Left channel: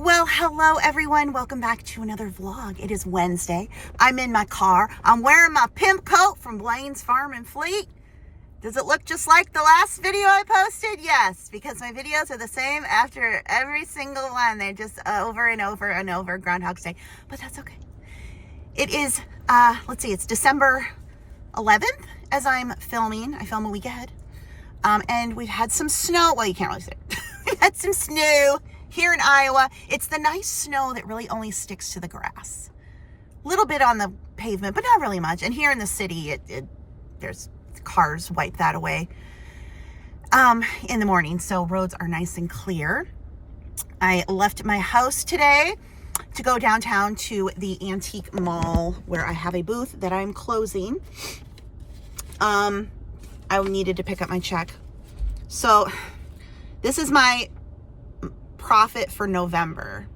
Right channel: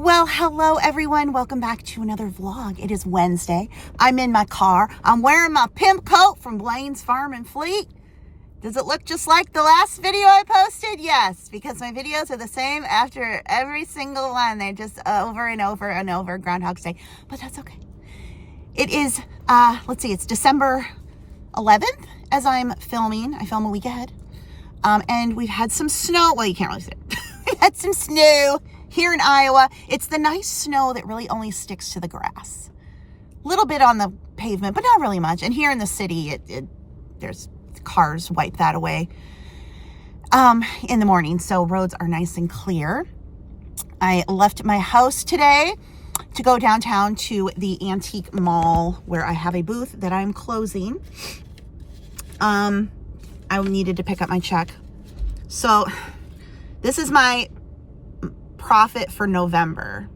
Well, hello everyone. Welcome back to another vlog. It is Wednesday. I'm in my car. I'm wearing my pimp coat from Blaine's Farm and Fleet. Does it look just like the last video I posted? Yes, because my videos are the same after every single one. They're just over and over and over, Groundhog's Day. But that's okay. It is, let's see, it's December 11th as I'm filming. I film a week ahead. And we've had some snow. Well, you can't really see it. We've had some snow here in Iowa. It's the nice snow that really only sticks to the grass. A little bit on the pavement, but not really much. And here in the city, there's cars wipe that away in the morning. So roads are nice and clear. I left my house today to go downtown to the Antique Mall where I have a booth that I'm closing. I needed to pick up my check. So this is my profit for November,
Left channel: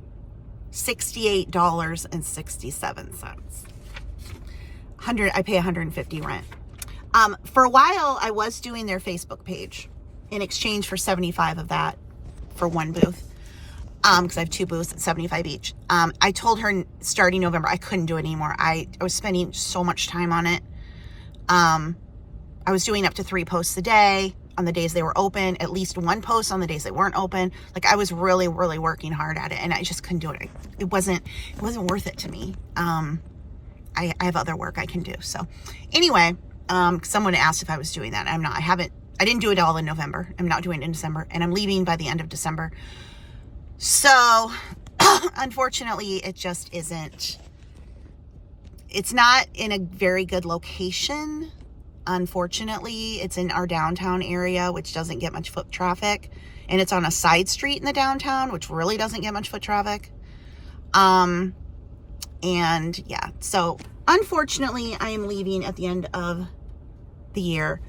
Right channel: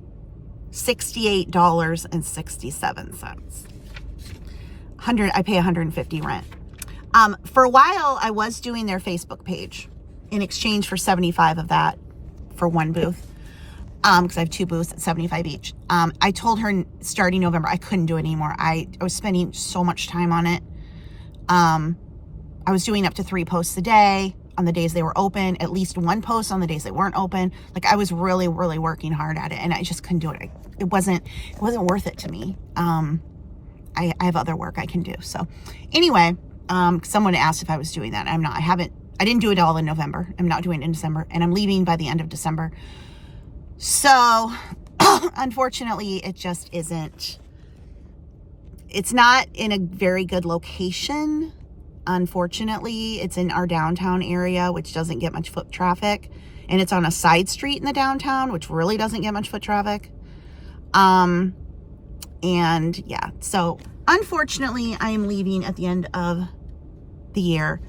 $68.67. I pay $150 rent. For a while, I was doing their Facebook page in exchange for 75 of that for one booth. Because I have two booths at 75 each. I told her starting November, I couldn't do it anymore. I was spending so much time on it. I was doing up to 3 posts a day on the days they were open, at least 1 post on the days they weren't open. Like I was really, really working hard at it and I just couldn't do it. It wasn't worth it to me. I have other work I can do. So anyway, someone asked if I was doing that. I'm not. I didn't do it all in November. I'm not doing it in December and I'm leaving by the end of December. So unfortunately, it just isn't. It's not in a very good location. Unfortunately, it's in our downtown area, which doesn't get much foot traffic. And it's on a side street in the downtown, which really doesn't get much foot traffic. And yeah, so unfortunately, I am leaving at the end of the year.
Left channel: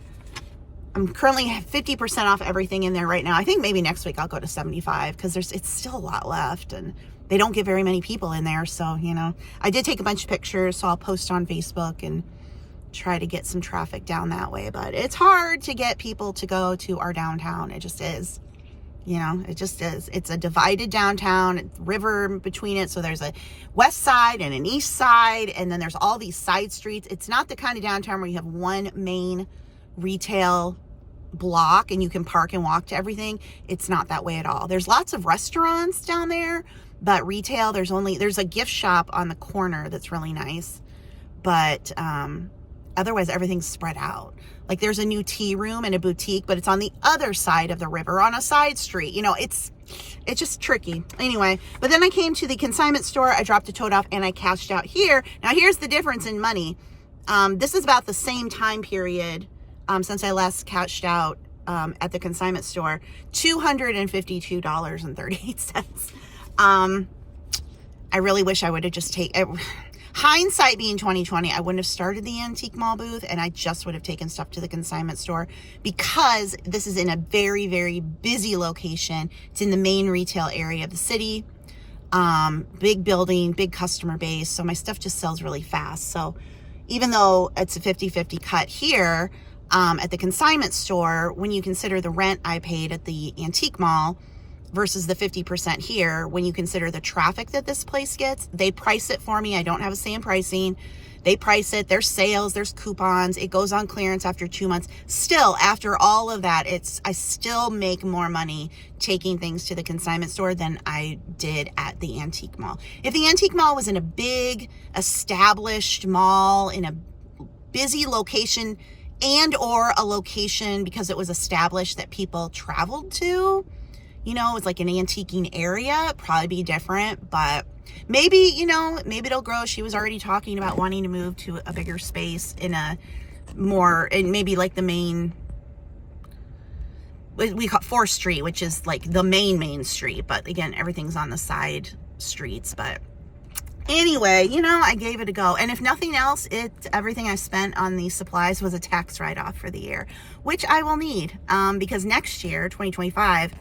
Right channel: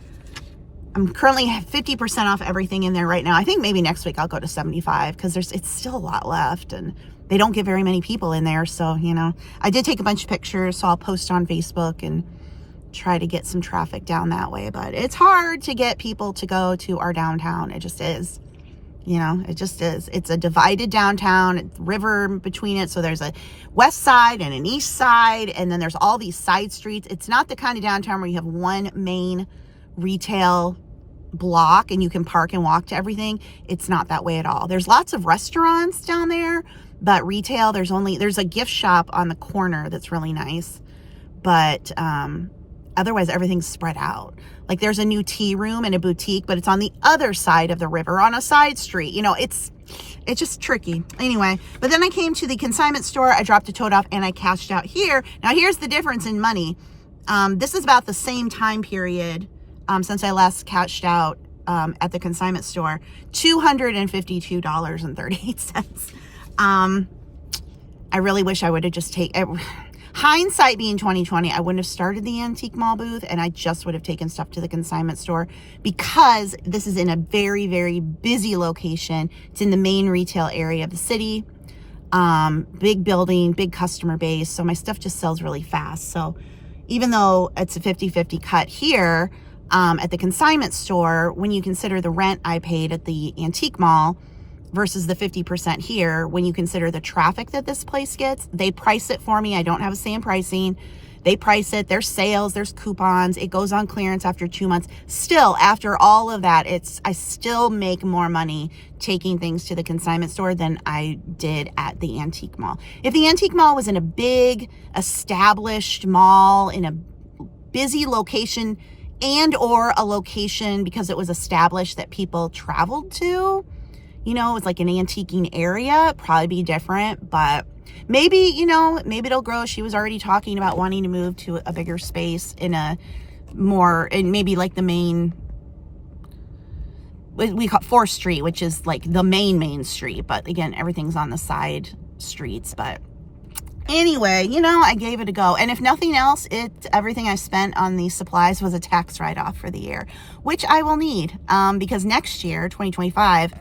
I'm currently 50% off everything in there right now. I think maybe next week I'll go to 75 because it's still a lot left and they don't get very many people in there. So, you know, I did take a bunch of pictures, so I'll post on Facebook and try to get some traffic down that way. But it's hard to get people to go to our downtown. It just is. You know, it just is. It's a divided downtown, river between it. So there's a west side and an east side, and then there's all these side streets. It's not the kind of downtown where you have one main retail block and you can park and walk to everything. It's not that way at all. There's lots of restaurants down there, but retail, there's a gift shop on the corner that's really nice. But otherwise, everything's spread out. Like there's a new tea room and a boutique, but it's on the other side of the river on a side street. You know, it's just tricky. Anyway, but then I came to the consignment store. I dropped a tote off and I cashed out here. Now here's the difference in money. This is about the same time period since I last cashed out at the consignment store, $252.38. I really wish I would have just taken, hindsight being 2020, I wouldn't have started the Antique Mall booth and I just would have taken stuff to the consignment store because this is in a very, very busy location. It's in the main retail area of the city. Big building, big customer base. So my stuff just sells really fast. So even though it's a 50-50 cut here, at the consignment store, when you consider the rent I paid at the Antique Mall versus the 50% here, when you consider the traffic that this place gets, they price it for me. I don't have a say in pricing. They price it. There's sales, there's coupons. It goes on clearance after 2 months. Still, after all of that, I still make more money taking things to the consignment store than I did at the Antique Mall. If the Antique Mall was in a big established mall in a busy location and or a location because it was established that people traveled to, you know, it's like an antiquing area, it'd probably be different, but maybe, you know, maybe it'll grow. She was already talking about wanting to move to a bigger space in a more, and maybe like the main, we call it 4th Street, which is like the main street. But again, everything's on the side streets. But anyway, you know, I gave it a go. And if nothing else, everything I spent on these supplies was a tax write-off for the year, which I will need because next year, 2025,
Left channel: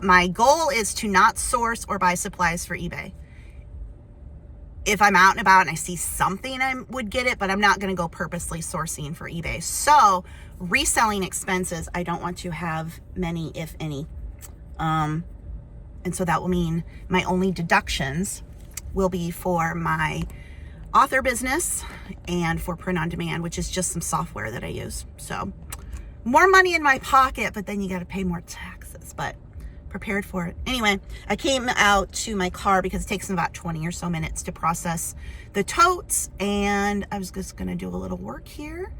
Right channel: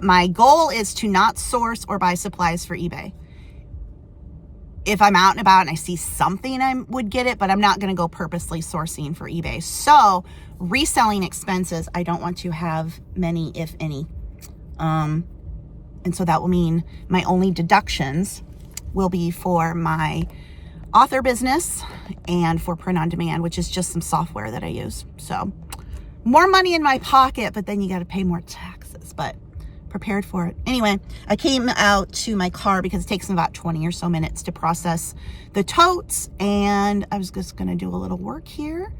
my goal is to not source or buy supplies for eBay. If I'm out and about and I see something, I would get it, but I'm not going to go purposely sourcing for eBay. So reselling expenses, I don't want to have many, if any. And And so that will mean my only deductions will be for my author business and for print on demand, which is just some software that I use. So more money in my pocket, but then you got to pay more taxes, but prepared for it. Anyway, I came out to my car because it takes about 20 or so minutes to process the totes. And I was just going to do a little work here.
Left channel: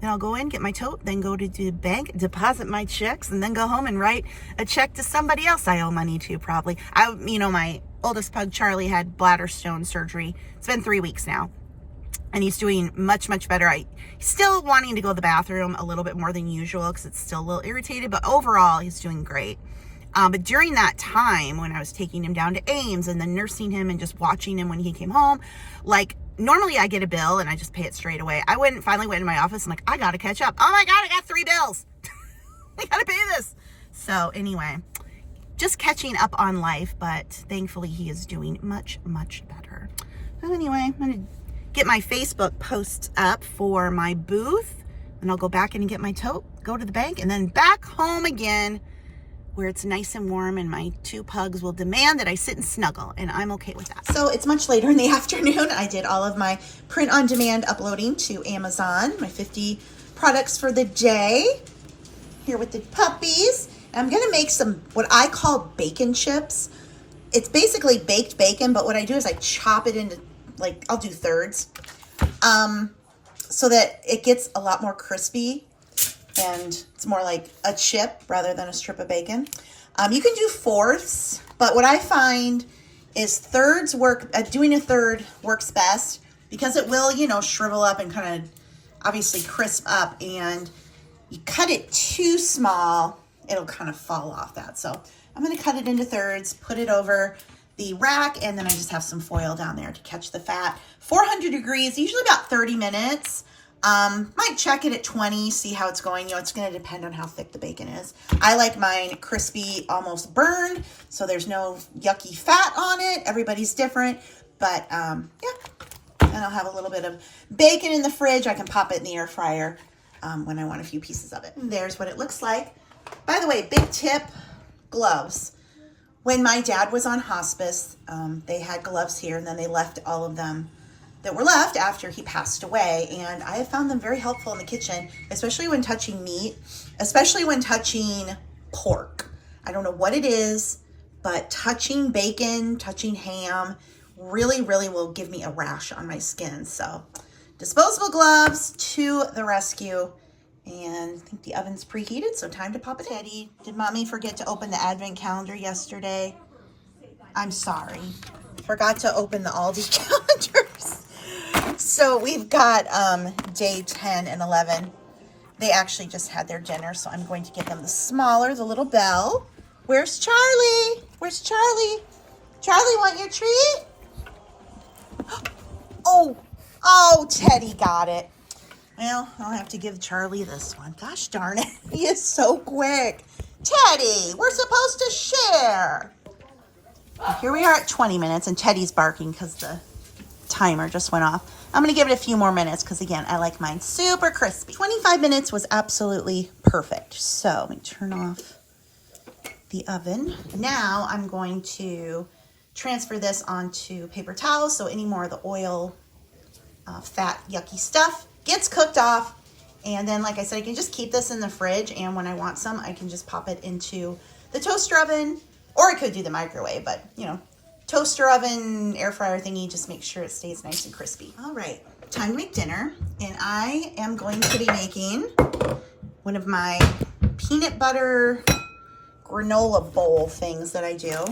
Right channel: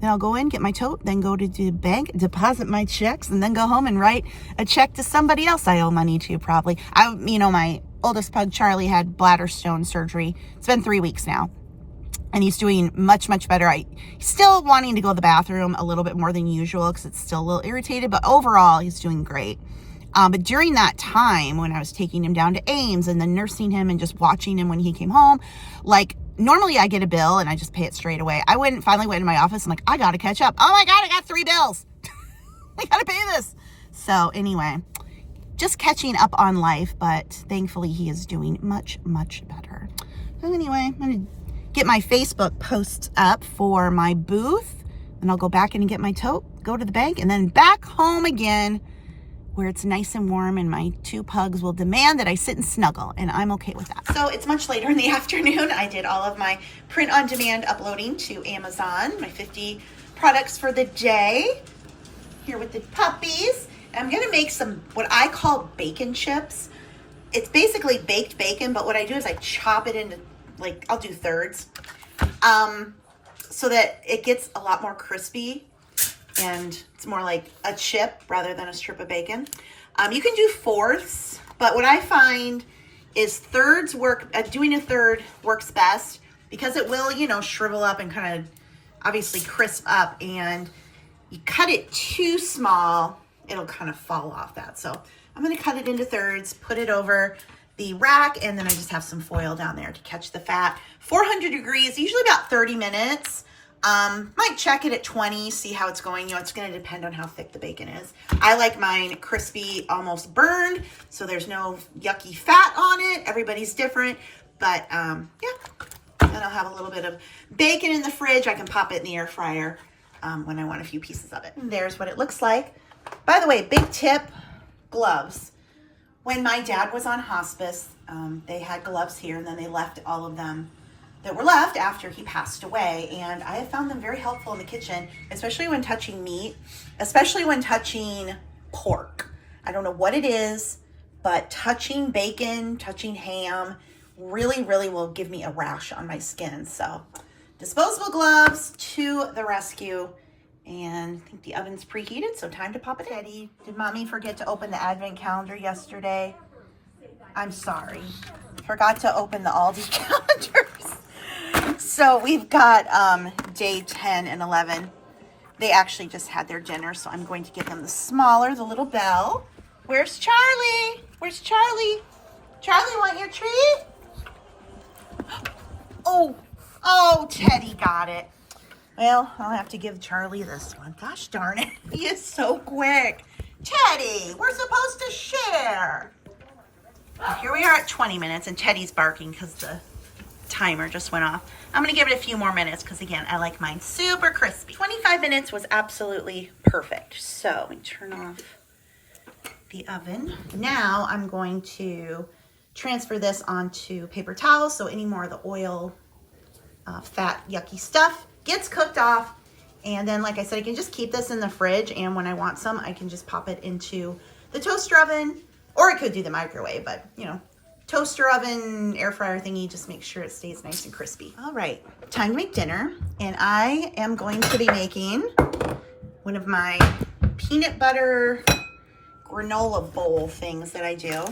Then I'll go in, get my tote, then go to the bank, deposit my checks, and then go home and write a check to somebody else I owe money to probably. My oldest pug, Charlie, had bladder stone surgery. It's been 3 weeks now. And he's doing much, much better. He's still wanting to go to the bathroom a little bit more than usual because it's still a little irritated, but overall, he's doing great. But during that time, when I was taking him down to Ames and then nursing him and just watching him when he came home, like, normally I get a bill and I just pay it straight away. I finally went into my office. I'm like, I got to catch up. Oh my God, I got 3 bills. We got to pay this. So anyway, just catching up on life, but thankfully he is doing much, much better. So anyway, I'm going to get my Facebook posts up for my booth, and I'll go back in and get my tote, go to the bank, and then back home again where it's nice and warm, and my 2 pugs will demand that I sit and snuggle, and I'm okay with that. So it's much later in the afternoon. I did all of my print on demand uploading to Amazon, my 50 products for the day, here with the puppies. And I'm gonna make some, what I call bacon chips. It's basically baked bacon, but what I do is I chop it into, like, I'll do thirds, so that it gets a lot more crispy and it's more like a chip rather than a strip of bacon. You can do fourths, but what I find is thirds work, doing a third works best because it will, shrivel up and kind of obviously crisp up, and you cut it too small, it'll kind of fall off that. So I'm going to cut it into thirds, put it over the rack, and then I just have some foil down there to catch the fat. 400 degrees, usually about 30 minutes. Might check it at 20, see how it's going. It's going to depend on how thick the bacon is. I like mine crispy, almost burned, so there's no yucky fat on it. Everybody's different, but yeah. And I'll have a little bit of bacon in the fridge. I can pop it in the air fryer when I want a few pieces of it. And there's what it looks like. By the way, big tip, gloves. When my dad was on hospice, they had gloves here, and then they left all of them that were left after he passed away, and I have found them very helpful in the kitchen, especially when touching meat, especially when touching pork. I don't know what it is, but touching bacon, touching ham really, really will give me a rash on my skin. So disposable gloves to the rescue. And I think the oven's preheated, so time to pop it in. Did mommy forget to open the advent calendar yesterday? I'm sorry. Forgot to open the Aldi calendars. So we've got day 10 and 11. They actually just had their dinner, so I'm going to get them the smaller, the little bell. Where's Charlie? Where's Charlie? Charlie, want your treat? Oh, Teddy got it. Well, I'll have to give Charlie this one. Gosh darn it. He is so quick. Teddy, we're supposed to share. Well, here we are at 20 minutes, and Teddy's barking because the timer just went off. I'm going to give it a few more minutes because, again, I like mine super crispy. 25 minutes was absolutely perfect. So let me turn off the oven. Now I'm going to transfer this onto paper towels so any more of the oil, fat, yucky stuff gets cooked off. And then, like I said, I can just keep this in the fridge, and when I want some, I can just pop it into the toaster oven, or I could do the microwave, but, toaster oven, air fryer thingy, just make sure it stays nice and crispy. All right, time to make dinner, and I am going to be making one of my peanut butter granola bowl things that I do.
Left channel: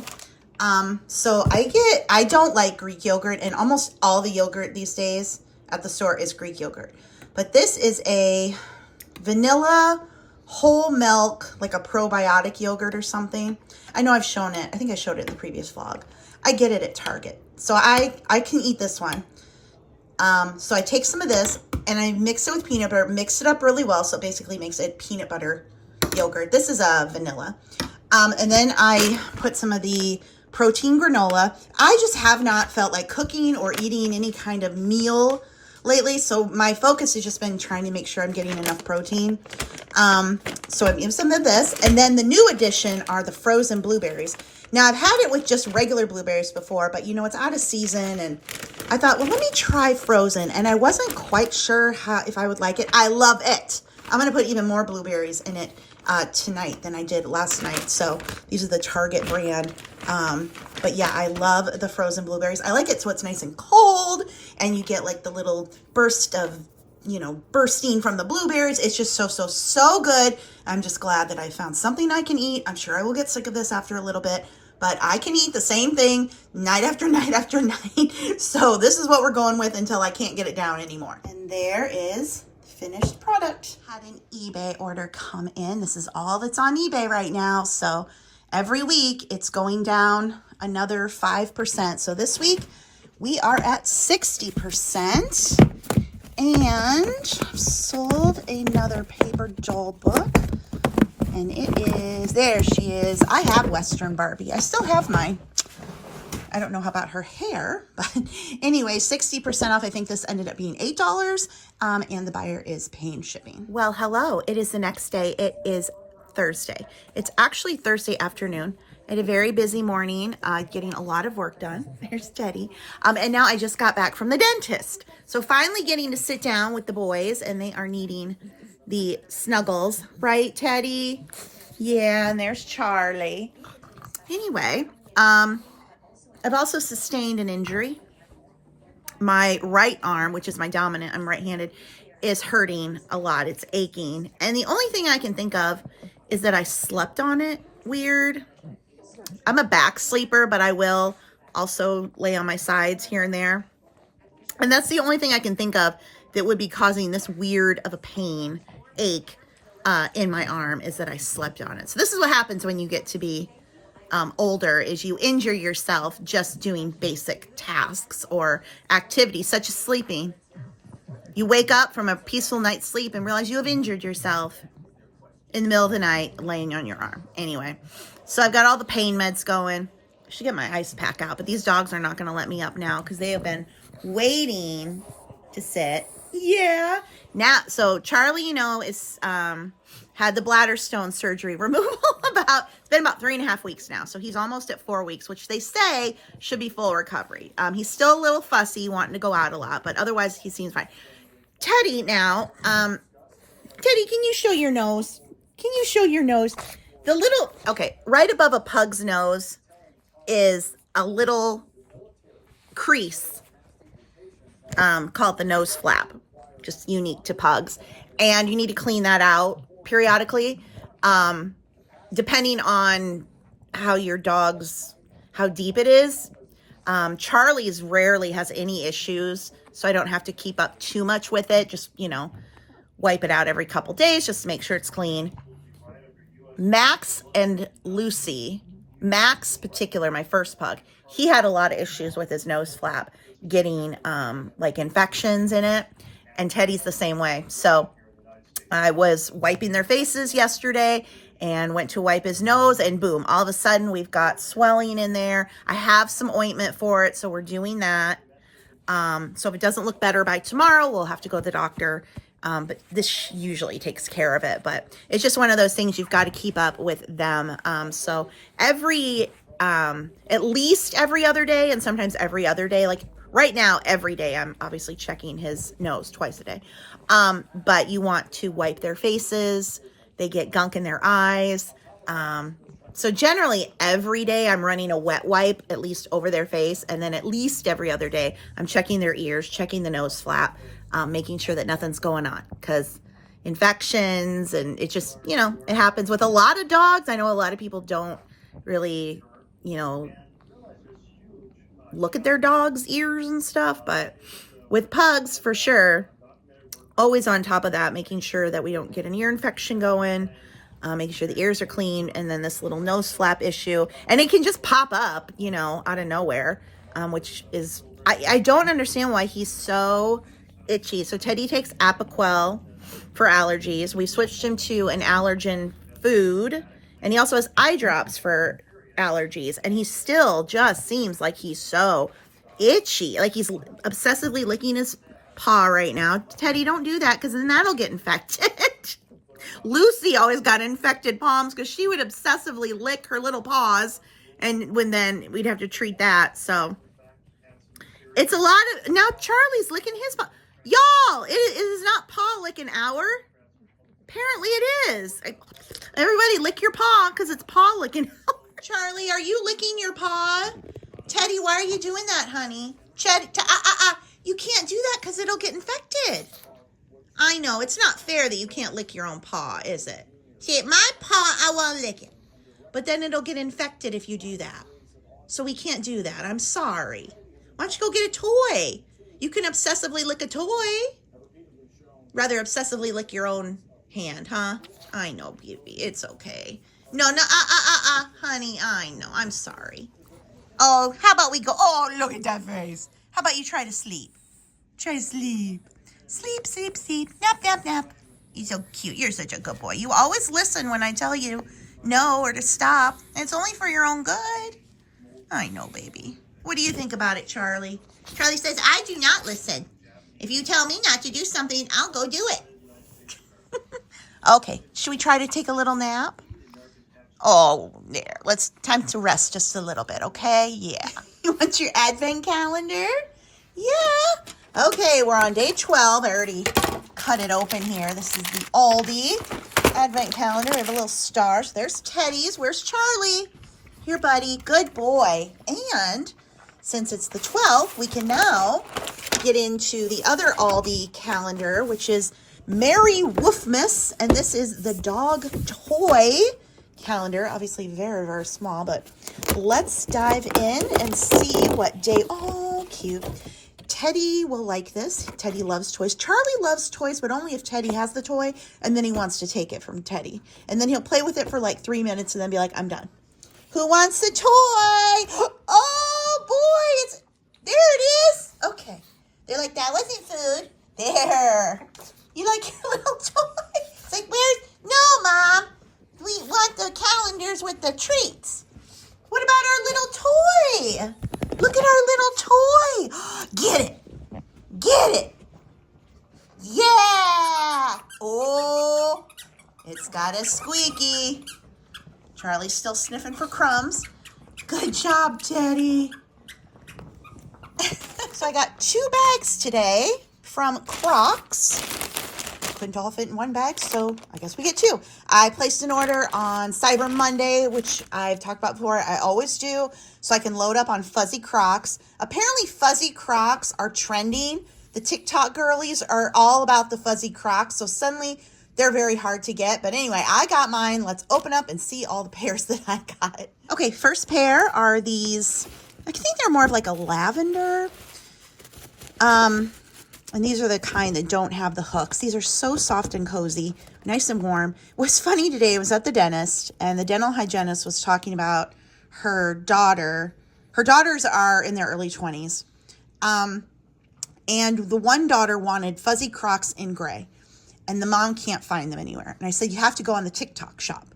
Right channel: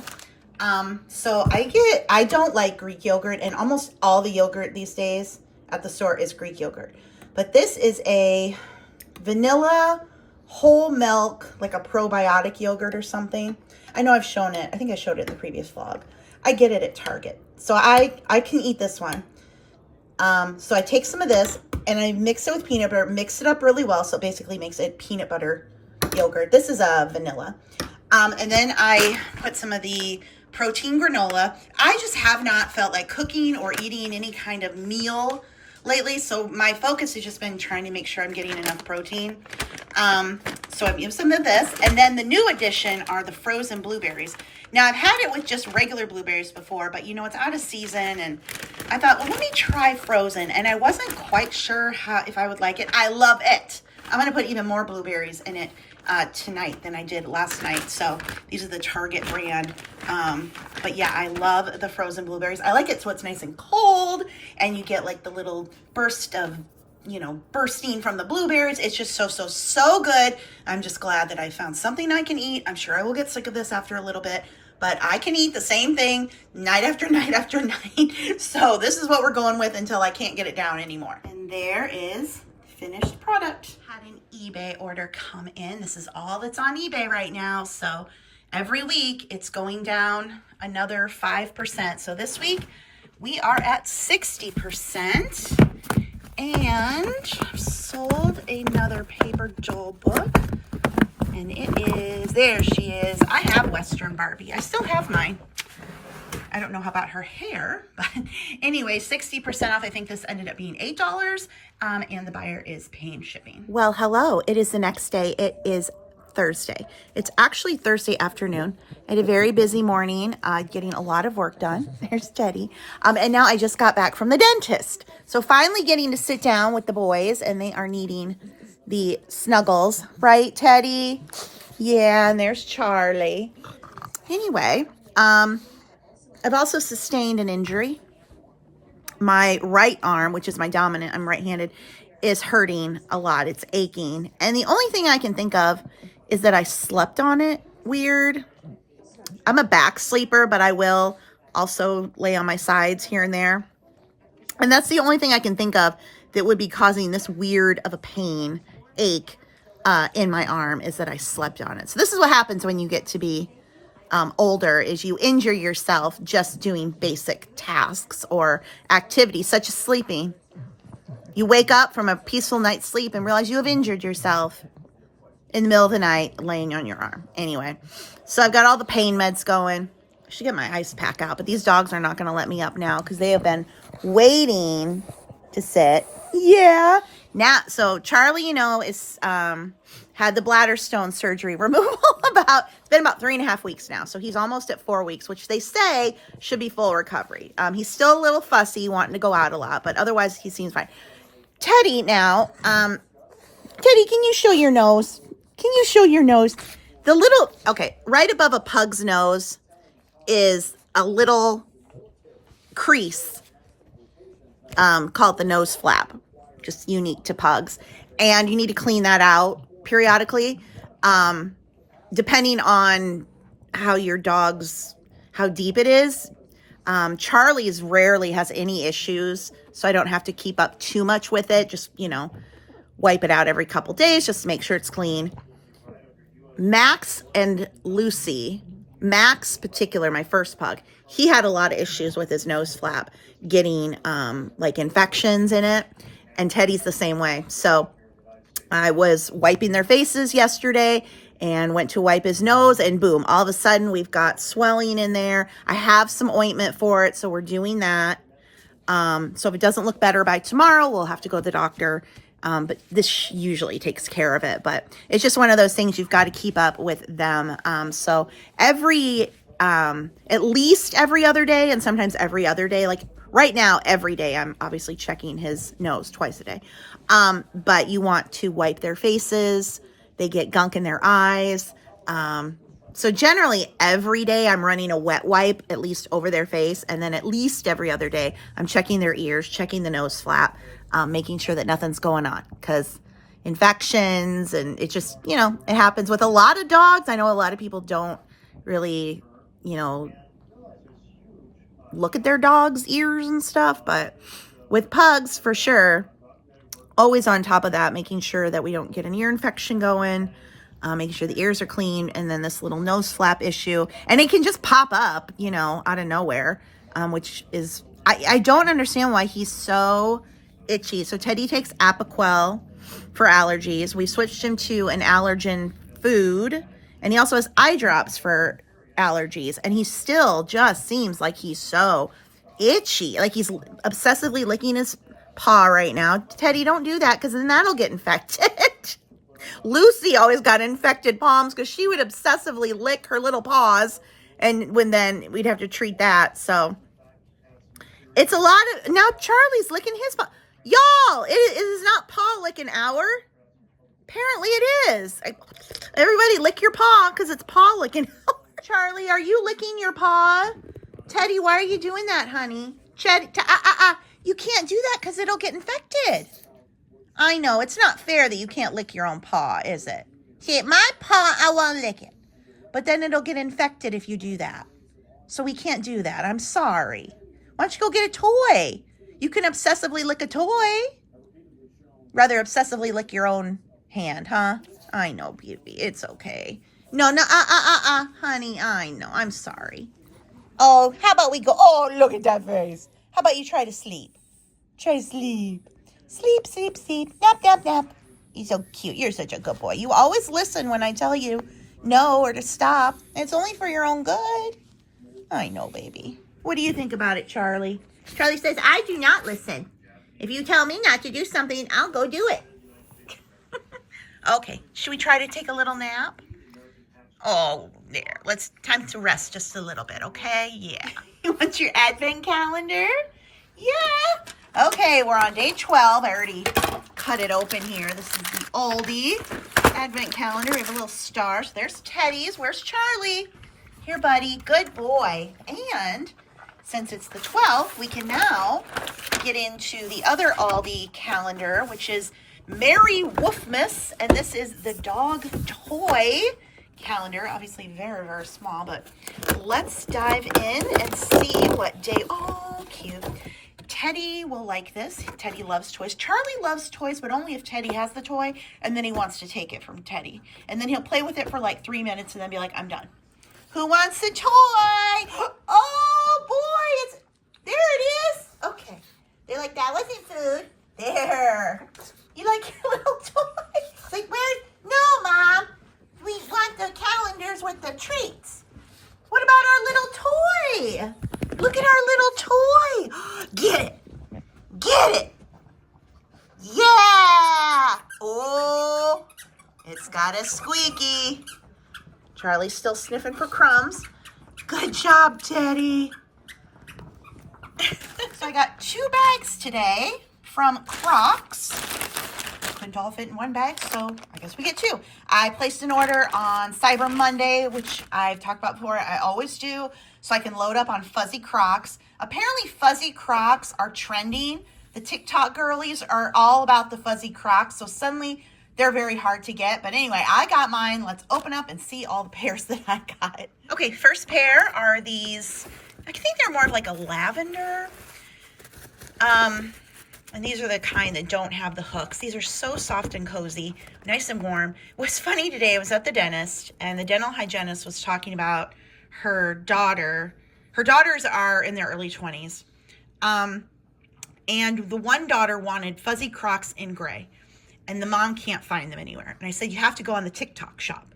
So I don't like Greek yogurt, and almost all the yogurt these days at the store is Greek yogurt. But this is a vanilla whole milk, like a probiotic yogurt or something. I know I've shown it. I think I showed it in the previous vlog. I get it at Target. So I can eat this one. So I take some of this and I mix it with peanut butter, mix it up really well. So it basically makes it peanut butter yogurt. This is a vanilla. And then I put some of the protein granola. I just have not felt like cooking or eating any kind of meal lately, so my focus has just been trying to make sure I'm getting enough protein. So I've used some of this. And then the new addition are the frozen blueberries. Now, I've had it with just regular blueberries before, but you know, it's out of season. And I thought, well, let me try frozen. And I wasn't quite sure if I would like it. I love it. I'm going to put even more blueberries in it tonight than I did last night. So these are the Target brand. But yeah, I love the frozen blueberries. I like it so it's nice and cold and you get like the little burst of, you know, bursting from the blueberries. It's just so good. I'm just glad that I found something I can eat. I'm sure I will get sick of this after a little bit, but I can eat the same thing night after night after night. So this is what we're going with until I can't get it down anymore. And there is finished product. Had an eBay order come in. This is all that's on eBay right now. So every week it's going down another 5%. So this week we are at 60%. And I've sold another Paper Doll book. And it is, there she is. I have Western Barbie. I still have mine. I don't know how about her hair, but anyway, 60% off. I think this ended up being $8, and the buyer is paying shipping. Well, hello. It is the next day. It is Thursday. It's actually Thursday afternoon. I had a very busy morning, getting a lot of work done. There's Teddy. And now I just got back from the dentist. So finally getting to sit down with the boys, and they are needing the snuggles. Right, Teddy? Yeah, and there's Charlie. Anyway, I've also sustained an injury. My right arm, which is my dominant, I'm right-handed, is hurting a lot. It's aching. And the only thing I can think of is that I slept on it weird. I'm a back sleeper, but I will also lay on my sides here and there. And that's the only thing I can think of that would be causing this weird of a pain, ache in my arm, is that I slept on it. So this is what happens when you get to be older, is you injure yourself just doing basic tasks or activities such as sleeping. You wake up from a peaceful night's sleep and realize you have injured yourself in the middle of the night laying on your arm. Anyway, so I've got all the pain meds going. I should get my ice pack out, but these dogs are not going to let me up now because they have been waiting to sit. Yeah. Now, so Charlie, you know, is had the bladder stone surgery removal it's been about 3.5 weeks now. So he's almost at 4 weeks, which they say should be full recovery. He's still a little fussy, wanting to go out a lot, but otherwise he seems fine. Teddy now, Teddy, can you show your nose? Can you show your nose? The little, okay, right above a pug's nose is a little crease called the nose flap, just unique to pugs. And you need to clean that out periodically, depending on how your dog's, how deep it is. Charlie's rarely has any issues, so I don't have to keep up too much with it. Just, you know, wipe it out every couple days, just to make sure it's clean. Max and Lucy, Max particular, my first pug, he had a lot of issues with his nose flap, getting like infections in it, and Teddy's the same way. So I was wiping their faces yesterday and went to wipe his nose, and boom, all of a sudden we've got swelling in there. I have some ointment for it, so we're doing that. So if it doesn't look better by tomorrow, we'll have to go to the doctor. But this usually takes care of it. But it's just one of those things you've got to keep up with them. So at least every other day, and sometimes every other day, like right now, every day, I'm obviously checking his nose twice a day. But you want to wipe their faces. They get gunk in their eyes. So generally every day I'm running a wet wipe at least over their face. And then at least every other day I'm checking their ears, checking the nose flap, making sure that nothing's going on, because infections, and it just, you know, it happens with a lot of dogs. I know a lot of people don't really, you know, look at their dog's ears and stuff, but with pugs, for sure, always on top of that, making sure that we don't get an ear infection going, making sure the ears are clean, and then this little nose flap issue, and it can just pop up, you know, out of nowhere, which is, I don't understand why he's so itchy. So Teddy takes Apoquel for allergies. We switched him to an allergen food, and he also has eye drops for allergies, and he still just seems like he's so itchy, like he's obsessively licking his paw right now. Teddy, don't do that, because then that'll get infected. Lucy always got infected palms because she would obsessively lick her little paws, and then we'd have to treat that. So it's a lot of, now Charlie's licking his paw. Y'all, it is not paw licking hour. Apparently it is. Everybody lick your paw because it's paw licking hour. Charlie, are you licking your paw? Teddy, why are you doing that, honey? You can't do that because it'll get infected. I know, it's not fair that you can't lick your own paw, is it? See, my paw, I won't lick it. But then it'll get infected if you do that. So we can't do that. I'm sorry. Why don't you go get a toy? You can obsessively lick a toy. Rather obsessively lick your own hand, huh? I know, baby. It's okay. No, honey, I know. I'm sorry. Oh, how about we go? Oh, look at that face. How about you try to sleep? Try to sleep. Sleep, sleep, sleep. Nap, nap, nap. You're so cute. You're such a good boy. You always listen when I tell you no or to stop. It's only for your own good. I know, baby. What do you think about it, Charlie? Charlie says, I do not listen. If you tell me not to do something, I'll go do it. Okay, should we try to take a little nap? Oh, there. Time to rest just a little bit, okay? Yeah. You want your advent calendar? Yeah. Okay, we're on day 12. I already cut it open here. This is the Aldi advent calendar. We have a little star. So there's Teddy's. Where's Charlie? Here, buddy. Good boy. And since it's the 12th, we can now get into the other Aldi calendar, which is Merry Woofmas. And this is the dog toy calendar. Obviously very, very small, but let's dive in and see what day. Oh, cute. Teddy will like this. Teddy loves toys. Charlie loves toys, but only if Teddy has the toy, and then he wants to take it from Teddy. And then he'll play with it for like 3 minutes and then be like, I'm done. Who wants the toy? Oh, boy. There it is. Okay. They're like, that wasn't food. There. You like your little toy? It's like, no, Mom. We want the calendars with the treats. What about our little toy? Look at our little toy. Get it. Get it. Yeah. Oh, it's got a squeaky. Charlie's still sniffing for crumbs. Good job, Teddy. So I got 2 bags today from Crocs. Couldn't all fit in one bag, so I guess we get 2. I placed an order on Cyber Monday, which I've talked about before. I always do, so I can load up on fuzzy Crocs. Apparently, fuzzy Crocs are trending. The TikTok girlies are all about the fuzzy Crocs, so suddenly they're very hard to get. But anyway, I got mine. Let's open up and see all the pairs that I got. Okay, first pair are these. I think they're more of like a lavender. And these are the kind that don't have the hooks. These are so soft and cozy, nice and warm. What's funny today, I was at the dentist, and the dental hygienist was talking about her daughter. Her daughters are in their early 20s. And the one daughter wanted fuzzy Crocs in gray, and the mom can't find them anywhere. And I said, you have to go on the TikTok shop.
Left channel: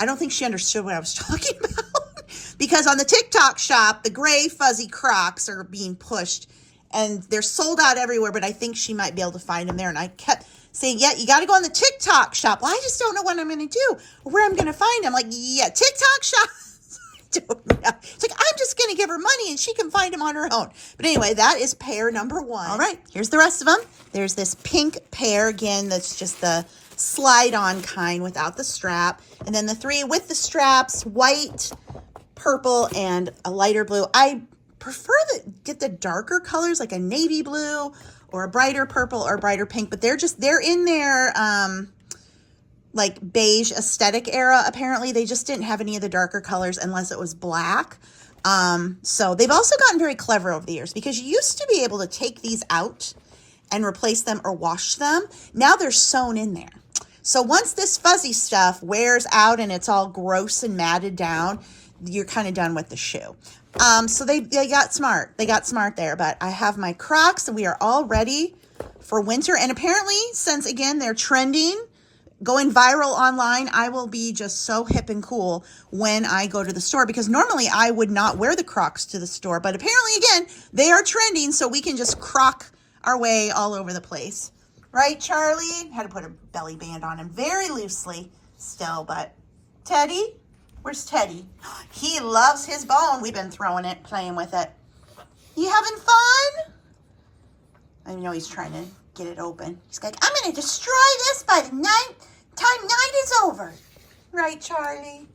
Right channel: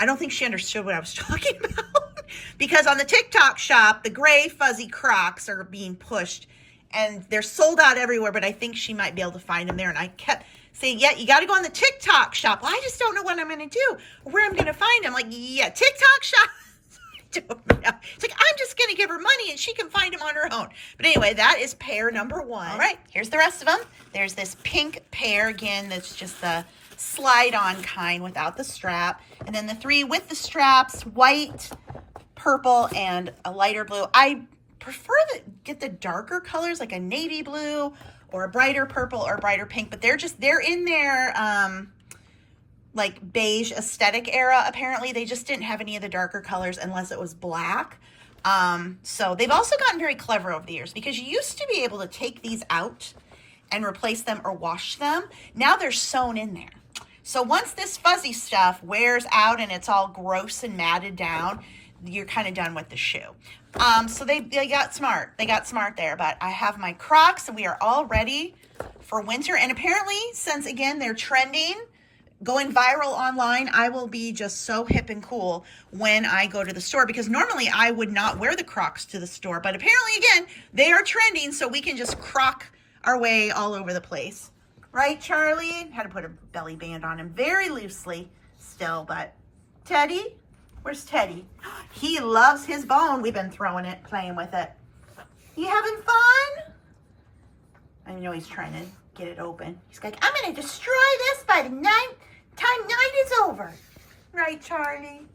I don't think she understood what I was talking about because on the TikTok shop, the gray fuzzy Crocs are being pushed. And they're sold out everywhere, but I think she might be able to find them there. And I kept saying, yeah, you got to go on the TikTok shop. Well, I just don't know what I'm going to do or where I'm going to find them. Like, yeah, TikTok shop. I don't know. It's like, I'm just going to give her money and she can find them on her own. But anyway, that is pair number 1. All right, here's the rest of them. There's this pink pair, again, that's just the slide-on kind without the strap. And then the 3 with the straps, white, purple, and a lighter blue. I prefer to get the darker colors, like a navy blue or a brighter purple or brighter pink, but they're in their like beige aesthetic era. Apparently they just didn't have any of the darker colors unless it was black. So they've also gotten very clever over the years because you used to be able to take these out and replace them or wash them. Now they're sewn in there. So once this fuzzy stuff wears out and it's all gross and matted down, you're kind of done with the shoe. So they got smart. They got smart there, but I have my Crocs and we are all ready for winter. And apparently, since again, they're trending, going viral online, I will be just so hip and cool when I go to the store because normally I would not wear the Crocs to the store, but apparently again, they are trending so we can just croc our way all over the place. Right, Charlie? Had to put a belly band on him very loosely still, but Teddy? Where's Teddy? He loves his bone. We've been throwing it, playing with it. You having fun? I know he's trying to get it open. He's like, I'm going to destroy this by the time night is over. Right, Charlie?